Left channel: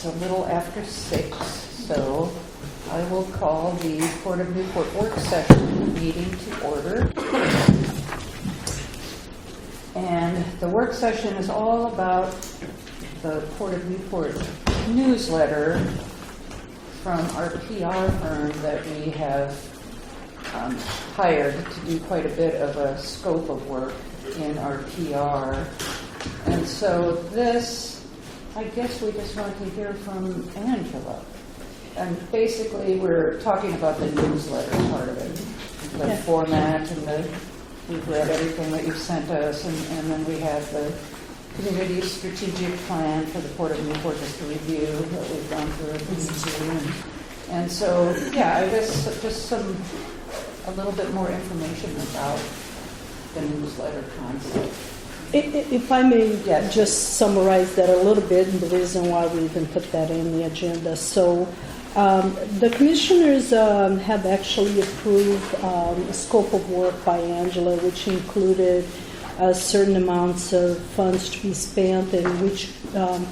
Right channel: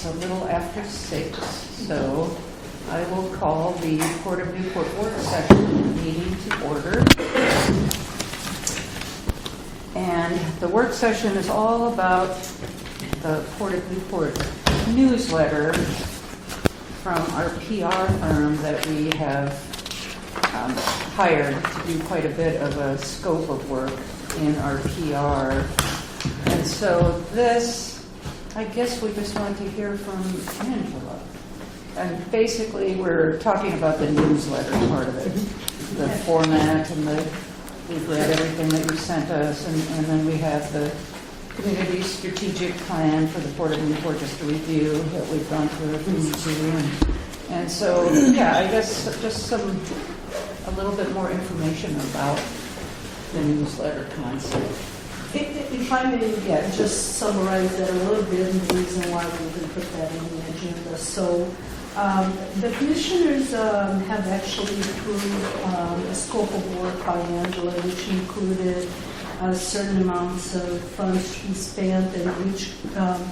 It's a little after 6, so I will call the Port of Newport work session meeting to order. And the work session is all about the Port of Newport newsletter from our PR firm that we have hired to do quite a bit of a scope of work in our PR. And so this, I guess we just want to hear from Angela. And basically we're talking about the newsletter part of it, the format, and we've read everything that you sent us, and then we have the community strategic plan for the Port of Newport just a review that we've gone through if we need to. And so, yeah, I guess just a little bit more information about the newsletter concept. If I may just summarize that a little bit, and the reason why we even put that in the agenda. So the commissioners have actually approved a scope of work by Angela, which included certain amounts of funds to be spent, and which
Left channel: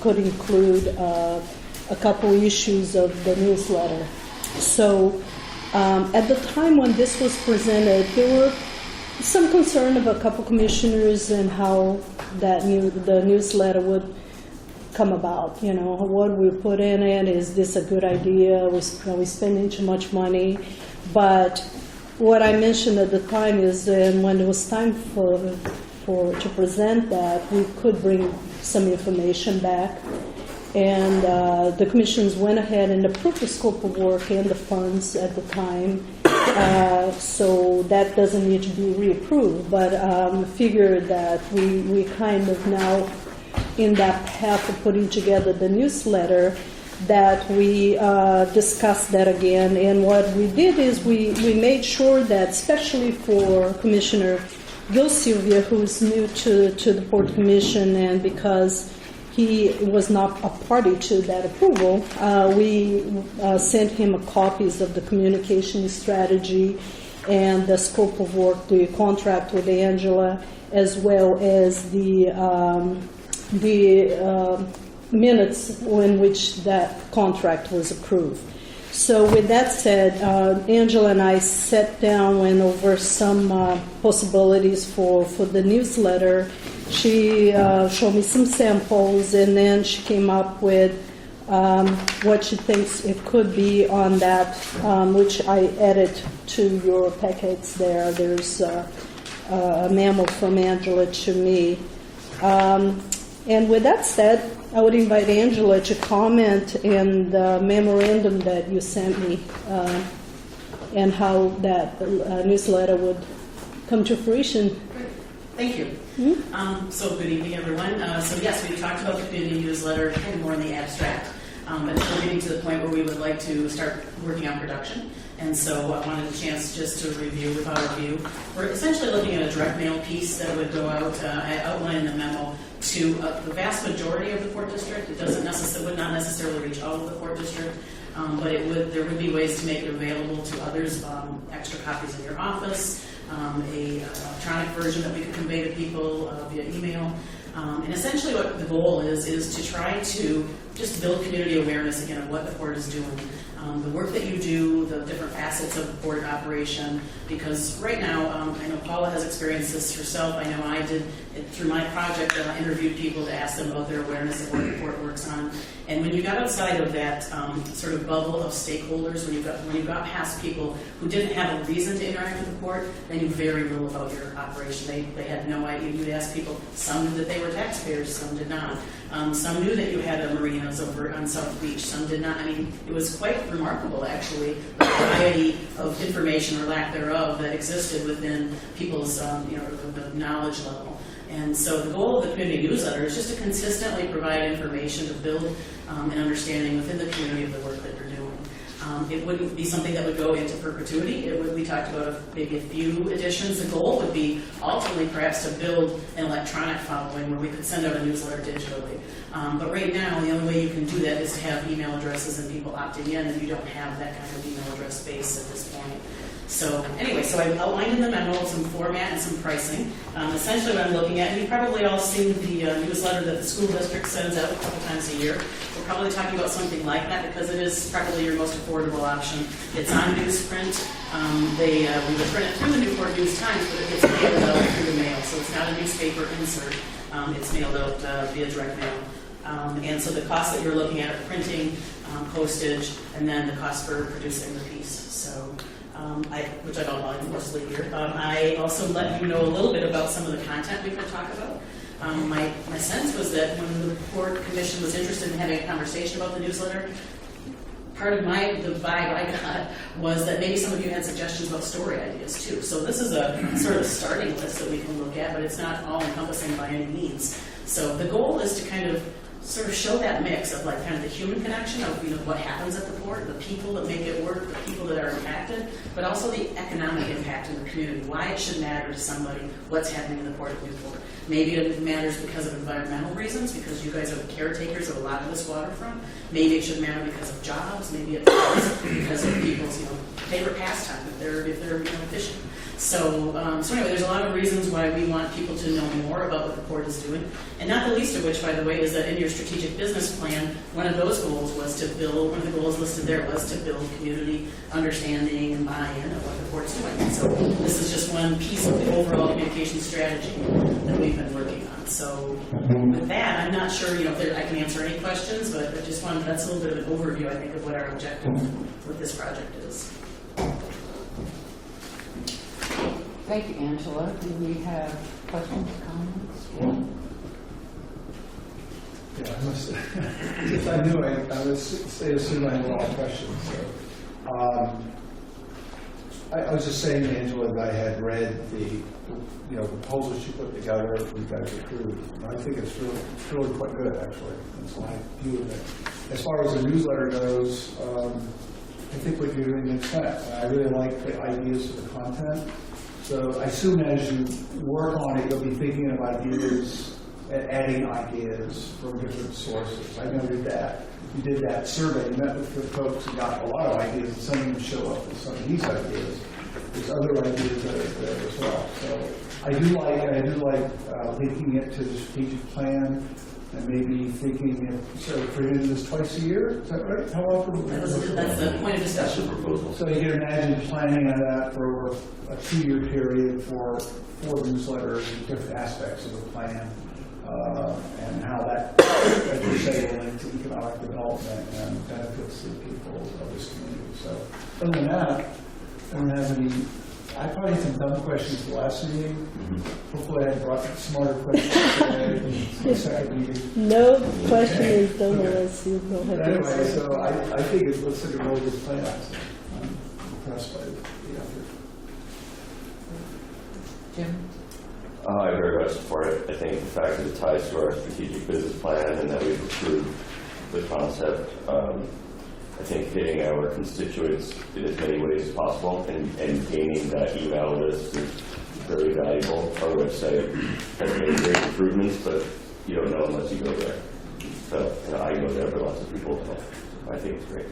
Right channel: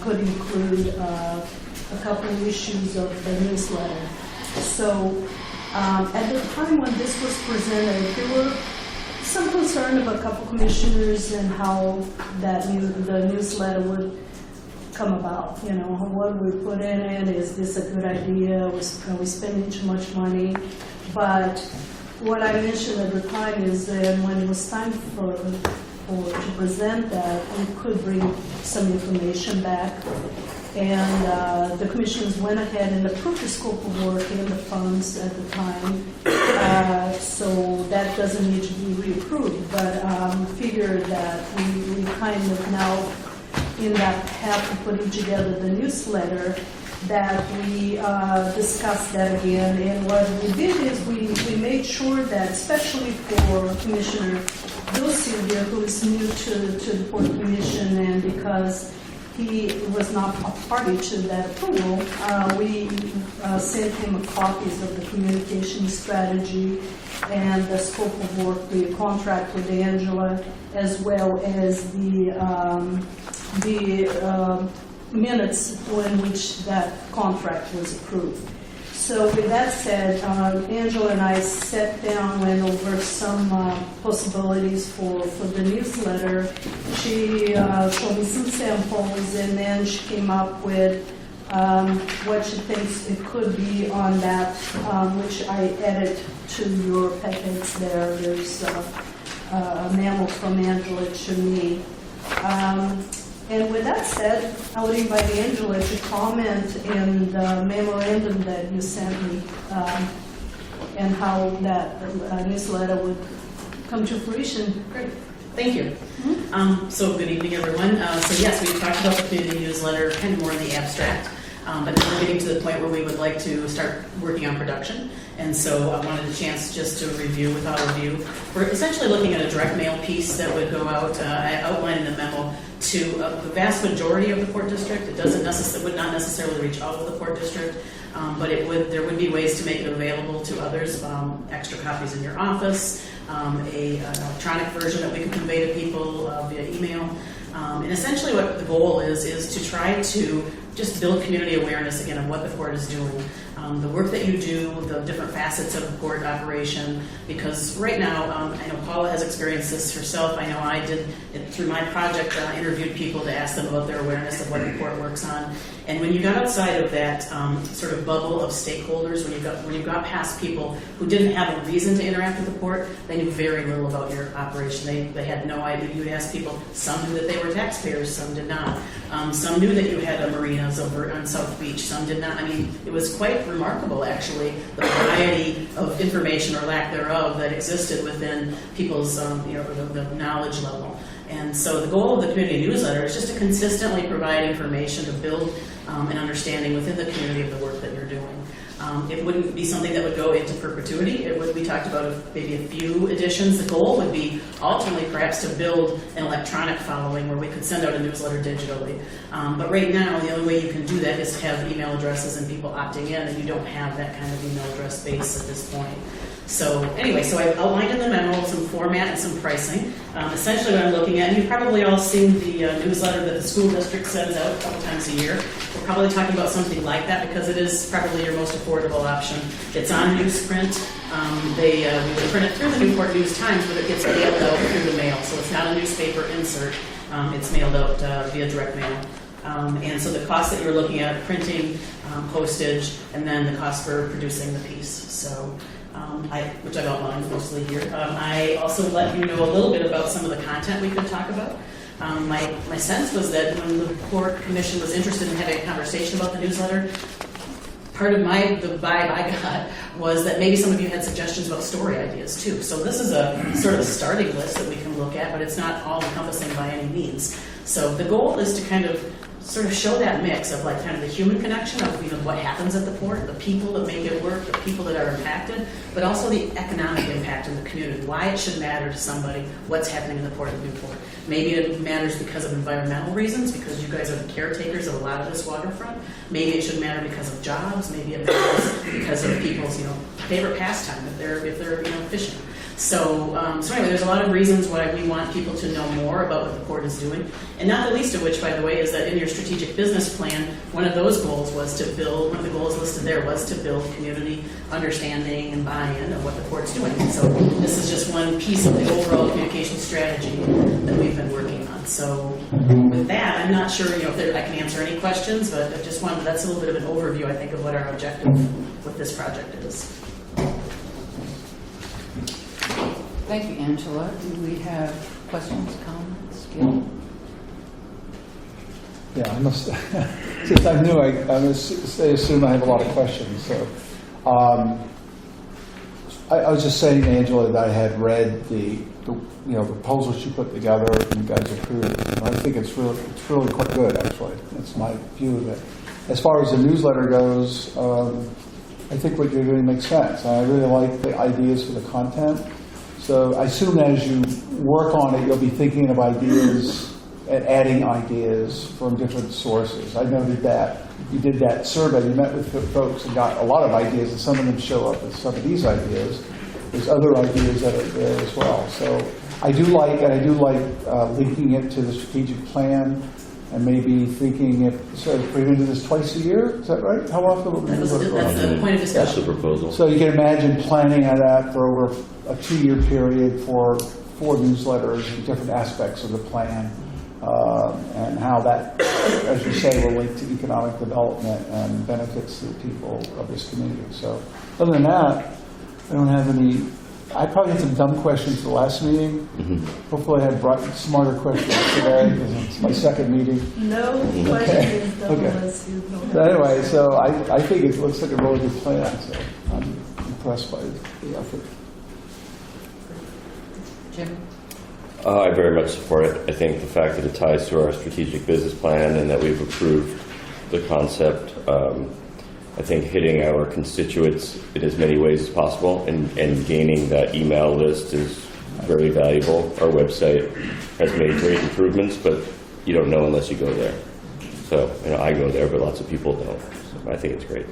could include a couple issues of the newsletter. So at the time when this was presented, there were some concern of a couple commissioners and how the newsletter would come about. You know, what we put in it, is this a good idea? Are we spending too much money? But what I mentioned at the time is when it was time to present that, we could bring some information back. And the commissions went ahead and approved the scope of work and the funds at the time. So that doesn't need to be reapproved, but figured that we kind of now in that path of putting together the newsletter, that we discussed that again. And what we did is we made sure that, especially for Commissioner Bill Sylvia, who is new to the Port Commission, and because he was not a party to that approval, we sent him copies of the communication strategy and the scope of work, the contract with Angela, as well as the minutes in which that contract was approved. So with that said, Angela and I sat down, went over some possibilities for the newsletter. She showed me some samples, and then she came up with what she thinks it could be on that, which I added to your packets there. There's a memo from Angela to me. And with that said, I would invite Angela to comment in the memorandum that you sent me and how that newsletter would come to fruition. Great. Thank you. Mm-hmm. So good evening, everyone. So yes, we talked about the community newsletter kind of more in the abstract, but now we're getting to the point where we would like to start working on production. And so I wanted a chance just to review with all of you. We're essentially looking at a direct mail piece that would go out, outline the memo to the vast majority of the Port District. It would not necessarily reach all of the Port District, but there would be ways to make it available to others, extra copies in your office, an electronic version that we can convey to people via email. And essentially what the goal is to try to just build community awareness again on what the Port is doing. The work that you do, the different facets of the port operation, because right now, I know Paula has experienced this herself. I know I did through my project, interviewed people to ask them about their awareness of what the port works on. And when you got outside of that sort of bubble of stakeholders, when you got past people who didn't have a reason to interact with the port, they knew very little about your operation. They had no idea. You'd ask people, some knew that they were taxpayers, some did not. Some knew that you had a marinas over on South Beach, some did not. I mean, it was quite remarkable, actually, the variety of information or lack thereof that existed within people's the knowledge level. And so the goal of the community newsletter is just to consistently provide information to build an understanding within the community of the work that you're doing. It wouldn't be something that would go into perpetuity. We talked about maybe a few editions. The goal would be ultimately perhaps to build an electronic following where we could send out a newsletter digitally. But right now, the only way you can do that is have email addresses and people opting in, and you don't have that kind of email address base at this point. So anyway, so I outlined in the memo some format and some pricing. Essentially what I'm looking at, and you've probably all seen the newsletter that the school district sends out a couple times a year, we're probably talking about something like that because it is probably your most affordable option. It's on newsprint. We would print it through the Newport News Times, but it gets mailed out through the mail, so it's not a newspaper insert. It's mailed out via direct mail. And so the cost that you're looking at are printing, postage, and then the cost for producing the piece. So, which I've outlined mostly here. I also let you know a little bit about some of the content we could talk about. My sense was that when the Port Commission was interested in having a conversation about the newsletter, part of the vibe I got was that maybe some of you had suggestions about story ideas too. So this is a sort of starting list that we can look at, but it's not all encompassing by any means. So the goal is to kind of sort of show that mix of like kind of the human connection of what happens at the port, the people that make it work, the people that are impacted, but also the economic impact in the community, why it should matter to somebody, what's happening in the Port of Newport. Maybe it matters because of environmental reasons, because you guys are the caretakers of a lot of this waterfront. Maybe it should matter because of jobs. Maybe it matters because of people's favorite pastime if they're fishing. So anyway, there's a lot of reasons why we want people to know more about what the port is doing, and not the least of which, by the way, is that in your strategic business plan, one of those goals was to build. One of the goals listed there was to build community understanding and buy-in of what the port's doing. So this is just one piece of the overall communication strategy that we've been working on. So with that, I'm not sure if I can answer any questions, but I just wanted that's a little bit of an overview, I think, of what our objective with this project is. Thank you, Angela. Do we have questions, comments? Gil? Yeah, I must, since I'm new, I must assume I have a lot of questions. So, I was just saying to Angela that I had read the proposal she put together and you guys approved. And I think it's really quite good, actually. That's my view of it. As far as the newsletter goes, I think what you're doing makes sense. I really like the ideas for the content. So I assume that as you work on it, you'll be thinking of ideas and adding ideas from different sources. I noted that you did that survey. You met with folks and got a lot of ideas, and some of them show up as some of these ideas. There's other ideas that are there as well. So I do like linking it to the strategic plan, and maybe thinking putting into this twice a year. Is that right? How often will we That's the point of discussion. That's the proposal. So you can imagine planning on that for over a 2-year period for 4 newsletters, different aspects of the plan, and how that, as you say, will link to economic development and benefits the people of this community. So other than that, I don't have any. I probably had some dumb questions for the last meeting. Hopefully I brought smarter questions today because it's my second meeting. No question is done Okay. unless you go ahead. But anyway, so I think it looks like a really good plan. So I'm impressed by the effort. Jim? I very much support it. I think the fact that it ties to our strategic business plan and that we've approved the concept, I think hitting our constituents in as many ways as possible and gaining that email list is very valuable. Our website has made great improvements, but you don't know unless you go there. So, I go there, but lots of people don't. So I think it's great.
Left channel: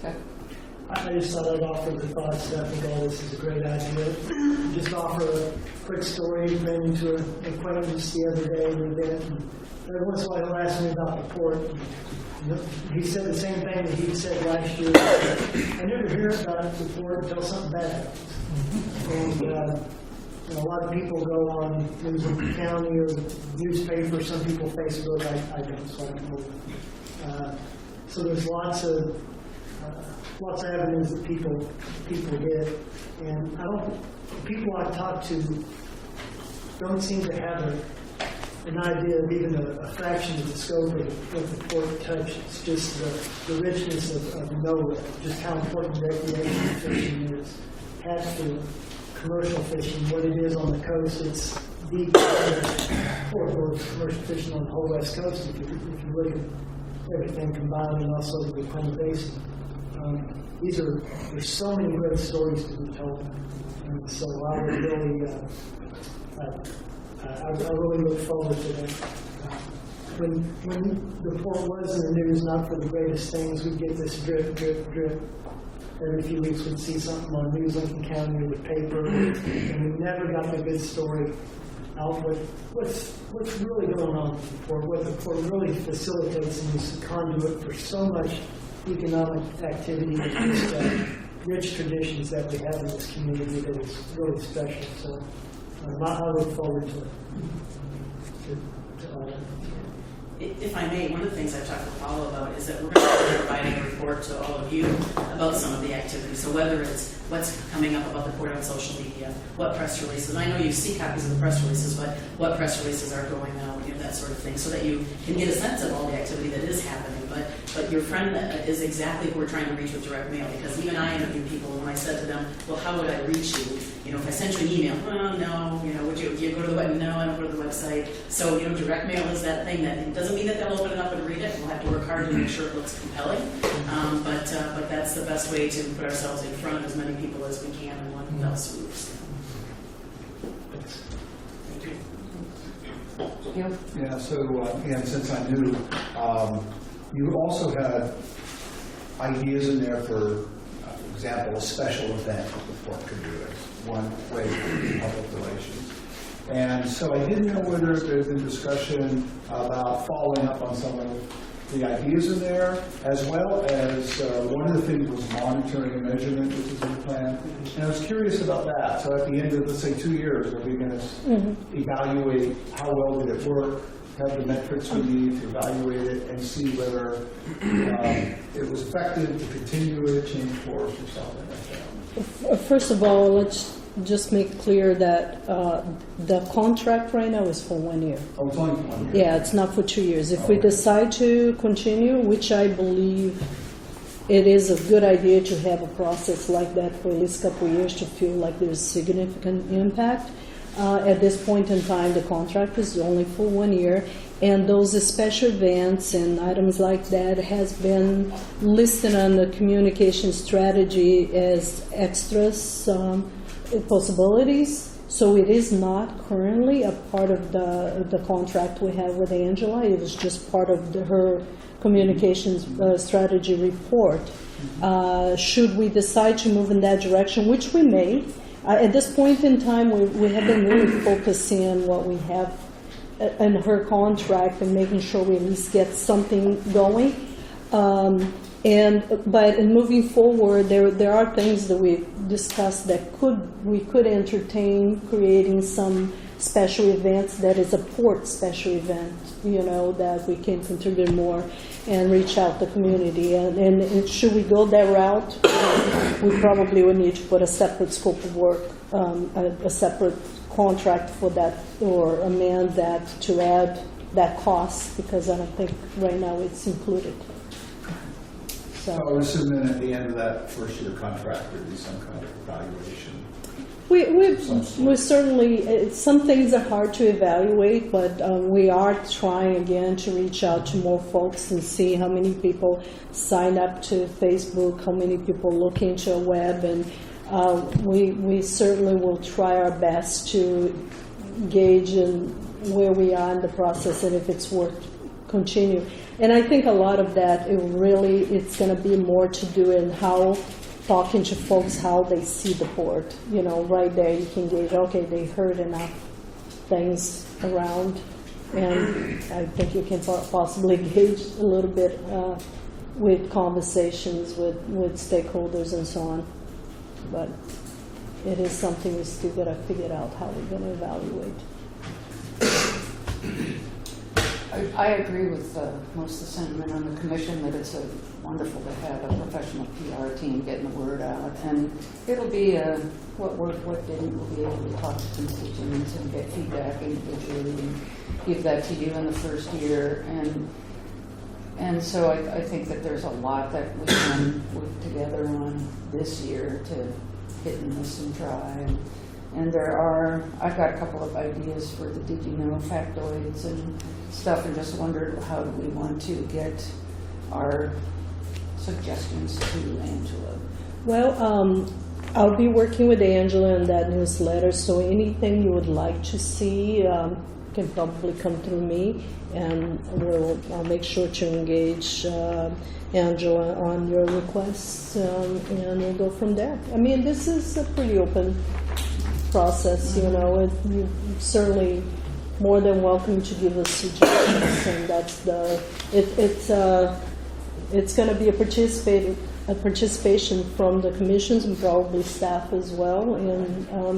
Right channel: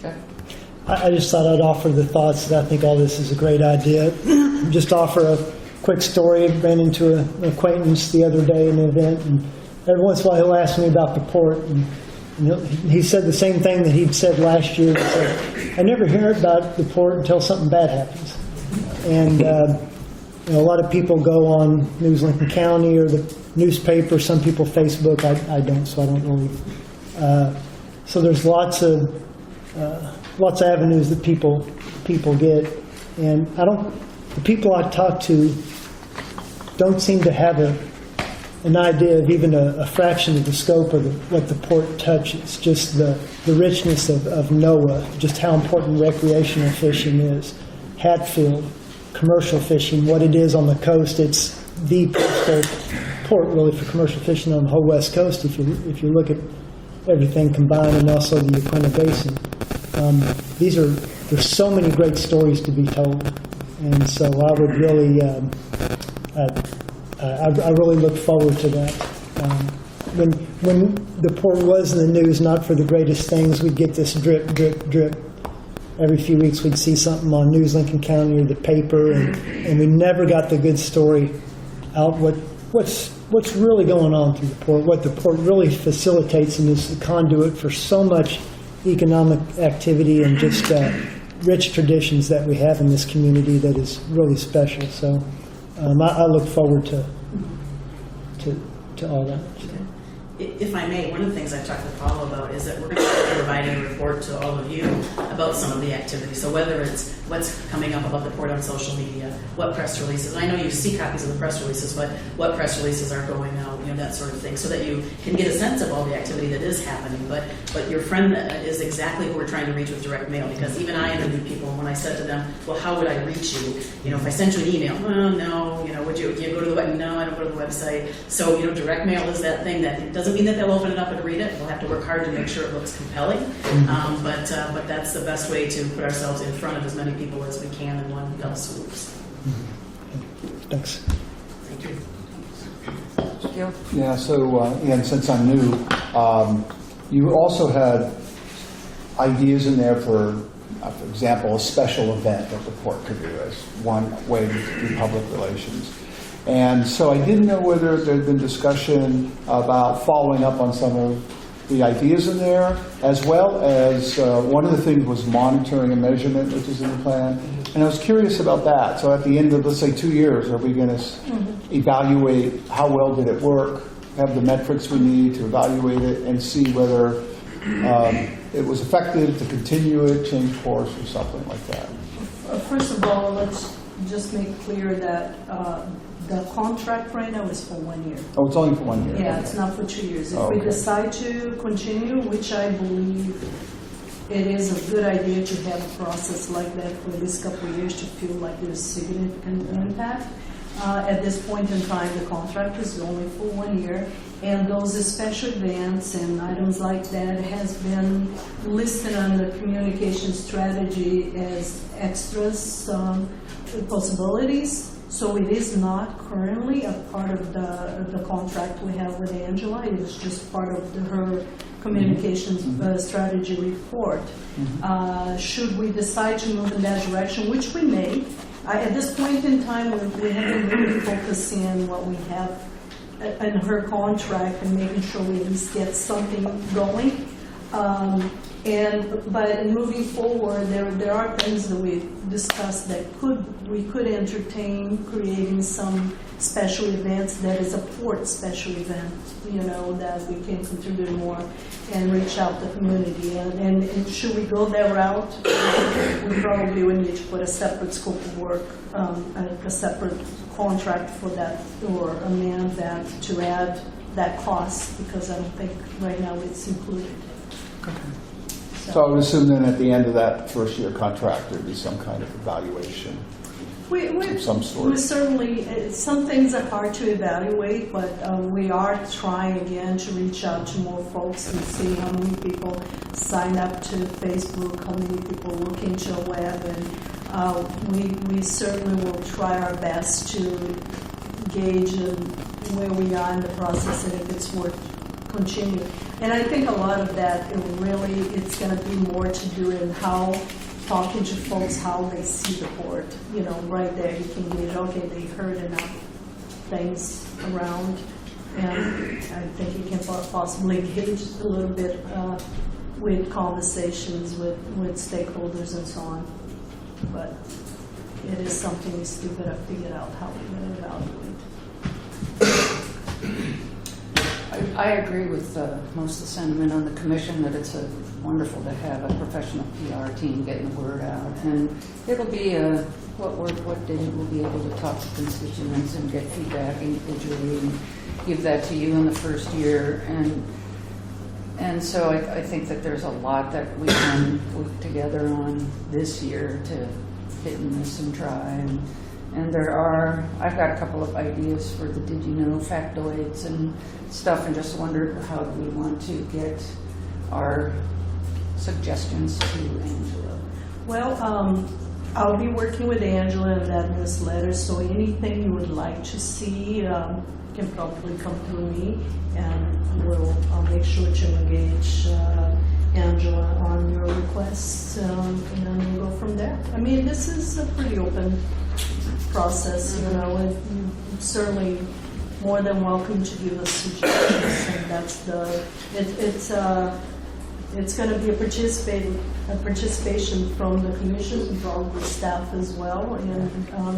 Jeff? I just thought I'd offer the thoughts that I think all this is a great idea. Just offer a quick story. I ran into an acquaintance the other day in an event, and every once in a while he'll ask me about the port. And he said the same thing that he'd said last year. He said, I never hear about the port until something bad happens. And a lot of people go on News Lincoln County or the newspaper. Some people Facebook. I don't, so I don't really. So there's lots of avenues that people get, and the people I talk to don't seem to have an idea of even a fraction of the scope of what the port touches, just the richness of NOAA, just how important recreational fishing is, Hatfield, commercial fishing, what it is on the coast. It's the port really for commercial fishing on the whole West Coast if you look at everything combined, and also the Uinta Basin. There's so many great stories to be told, and so I would really, I really look forward to that. When the port was in the news, not for the greatest things, we'd get this drip, drip, drip. Every few weeks we'd see something on News Lincoln County or the paper, and we never got the good story out. what's really going on through the port, what the port really facilitates and is the conduit for so much economic activity and just rich traditions that we have in this community that is really special. So I look forward to all that. If I may, one of the things I've talked to Paulo about is that we're going to be providing a report to all of you about some of the activities. So whether it's what's coming up about the port on social media, what press releases, and I know you see copies of the press releases, but what press releases are going out, that sort of thing, so that you can get a sense of all the activity that is happening. But your friend is exactly who we're trying to reach with direct mail, because even I interviewed people, and when I said to them, well, how would I reach you? If I sent you an email, well, no, would you go to the website? No, I don't go to the website. So, direct mail is that thing that it doesn't mean that they'll open it up and read it. We'll have to work hard to make sure it looks compelling. But that's the best way to put ourselves in front of as many people as we can in one fell swoop. Thanks. Thank you. Gil? Yeah, so, and since I'm new, you also had ideas in there for example, a special event that the port could do as one way to do public relations. And so I didn't know whether there had been discussion about following up on some of the ideas in there, as well as one of the things was monitoring and measurement, which is in the plan. And I was curious about that. So at the end of, let's say, 2 years, are we going to evaluate how well did it work, have the metrics we need to evaluate it, and see whether it was effective to continue it, change course, or something like that? First of all, let's just make clear that the contract right now is for 1 year. Oh, it's only for 1 year? Yeah, it's not for 2 years. If Oh, we okay. decide to continue, which I believe it is a good idea to have a process like that for at least a couple of years to feel like there's significant impact. At this point in time, the contract is only for 1 year, and those special events and items like that has been listed on the communication strategy as extras possibilities. So it is not currently a part of the contract we have with Angela. It is just part of her communications strategy report. Should we decide to move in that direction, which we may, at this point in time, we have been really focusing on what we have in her contract and making sure we at least get something going. But in moving forward, there are things that we discussed that we could entertain creating some special events that is a port special event, that we can contribute more and reach out the community. And should we go that route, we probably would need to put a separate scope of work, a separate contract for that, or amend that to add that cost, because I don't think right now it's included. So I would assume then at the end of that first year contract, there'd be some kind of evaluation. Some sort. We certainly, some things are hard to evaluate, but we are trying again to reach out to more folks and see how many people sign up to Facebook, how many people look into a web, and we certainly will try our best to gauge where we are in the process and if it's worth continuing. And I think a lot of that, it's going to be more to do in how talking to folks, how they see the port. Right there you can gauge, okay, they heard enough things around, and I think you can possibly gauge a little bit with conversations with stakeholders and so on. But it is something we still got to figure out how we're going to evaluate. I agree with most of the sentiment on the commission that it's wonderful to have a professional PR team getting the word out, and it'll be what didn't we'll be able to talk to constituents and get feedback individually and give that to you in the first year, and so I think that there's a lot that we can work together on this year to hit and miss and try. And I've got a couple of ideas for the did you know factoids and stuff, and just wondered how do we want to get our suggestions to Angela. Well, I'll be working with Angela in that newsletter, so anything you would like to see can probably come through me, and I'll make sure to engage Angela on your requests, and we'll go from there. I mean, this is a pretty open process, and you certainly more than welcome to give us suggestions, and that's it's going to be a participation from the commissions, probably staff as well, and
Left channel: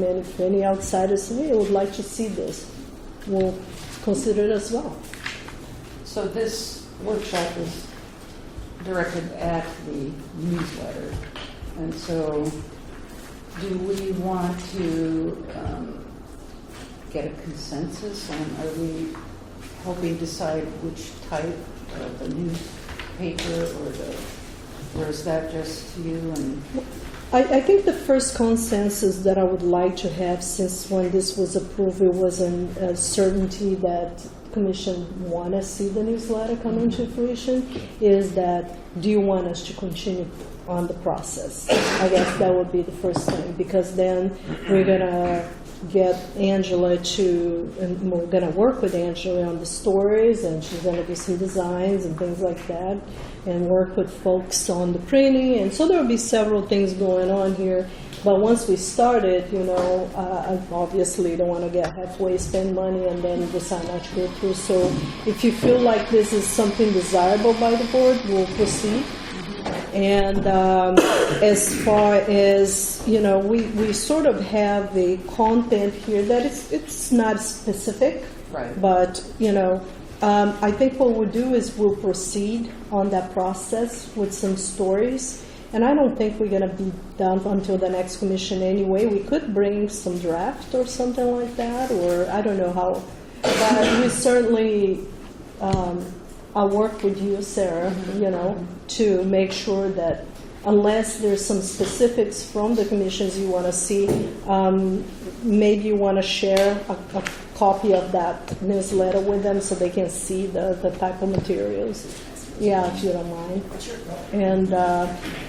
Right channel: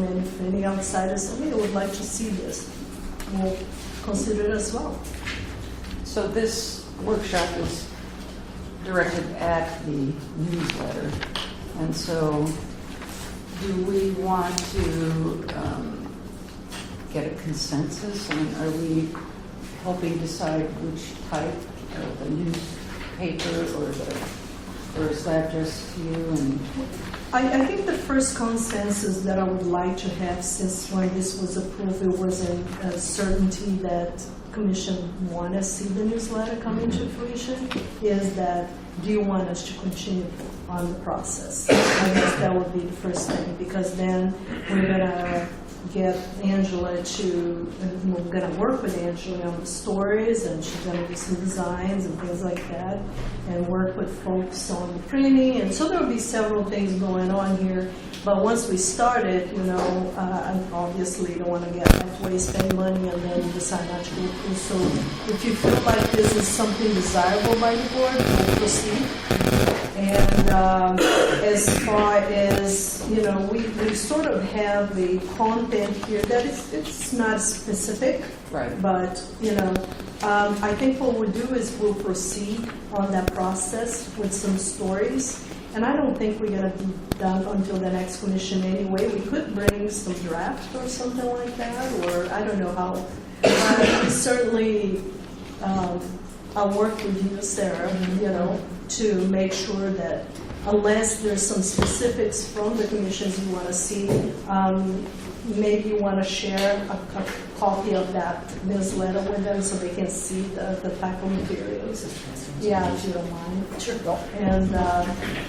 if any outsiders say, "Hey, I would like to see this," we'll consider it as well. So this workshop is directed at the newsletter, and so do we want to get a consensus on, are we helping decide which type of the newspaper or is that just you and? I think the first consensus that I would like to have, since when this was approved, it was a certainty that Commission want to see the newsletter coming to fruition, is that, do you want us to continue on the process? I guess that would be the first thing, because then we're going to get Angela and we're going to work with Angela on the stories, and she's going to do some designs and things like that, and work with folks on the printing, and so there will be several things going on here. But once we started, I obviously don't want to get halfway, spend money, and then decide not to go through. So if you feel like this is something desirable by the board, we'll proceed. And as far as, we sort of have a content here that it's not specific. Right. But, I think what we'll do is we'll proceed on that process with some stories. And I don't think we're going to be done until the next commission anyway. We could bring some draft or something like that, or I don't know how. We certainly, I'll work with you, Sarah, to make sure that unless there's some specifics from the commissions you want to see, maybe you want to share a copy of that newsletter with them so they can see the type of materials. Yeah, if you don't mind. Sure. And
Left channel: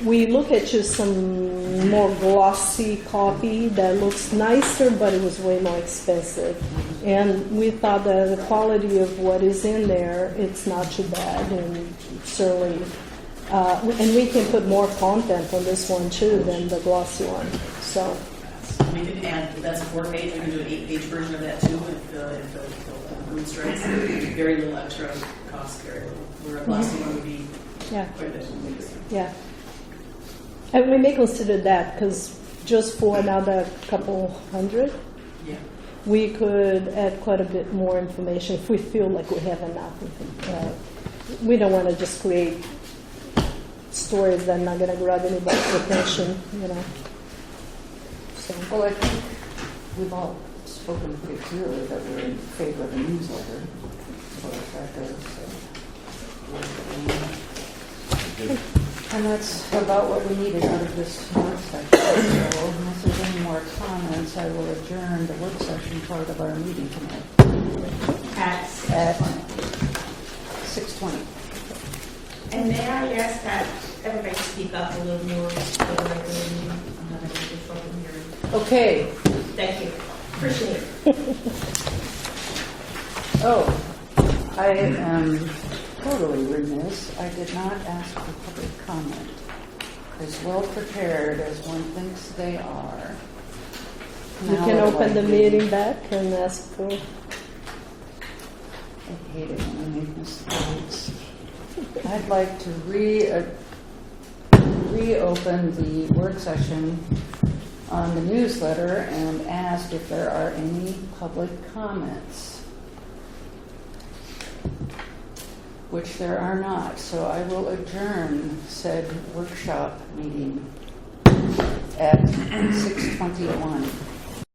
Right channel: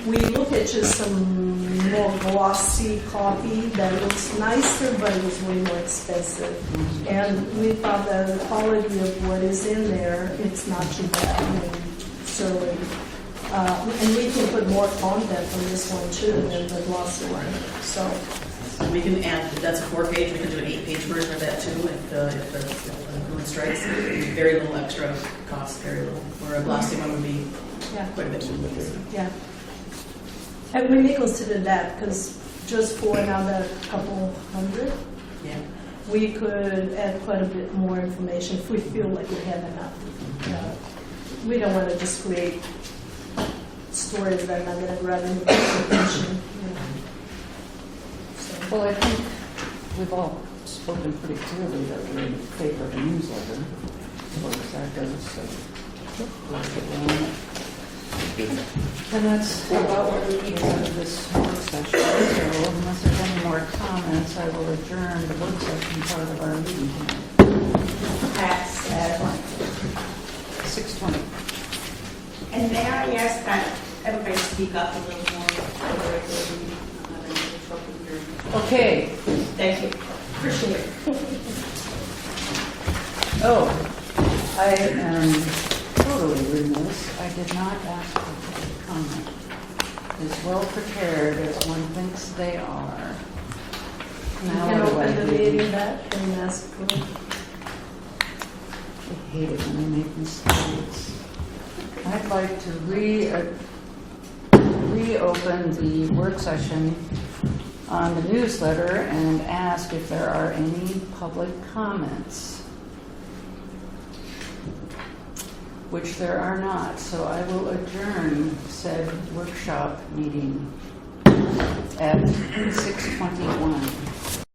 we look at just some more glossy copy that looks nicer, but it was way more expensive. And we thought the quality of what is in there, it's not too bad. And certainly, and we can put more content on this one too than the glossy one. So We can add, that's a 4-page, we can do an 8-page version of that too, if the moon strikes. Very little extra cost, very little. Where a glossy one would be yeah, quite a bit more. yeah. And we may consider that, because just for another couple hundred, Yeah. we could add quite a bit more information if we feel like we have enough. We don't want to just create stories that are not going to grab anybody's attention, So. Well, I think we've all spoken pretty clearly that we're in favor of a newsletter, as far as that goes, so. And that's about what we needed out of this work session, so unless there's any more comments, I will adjourn the work session part of our meeting tonight at 6:20. And may I ask that everybody speak up a little more for the regular meeting? Okay. Thank you. Appreciate it. Oh, I am totally remiss. I did not ask for public comment. As well prepared as one thinks they are. You Now can what do I open the do? meeting back and ask for. I hate it when I make mistakes. I'd like to reopen the work session on the newsletter and ask if there are any public comments, which there are not. So I will adjourn said workshop meeting at 6:21.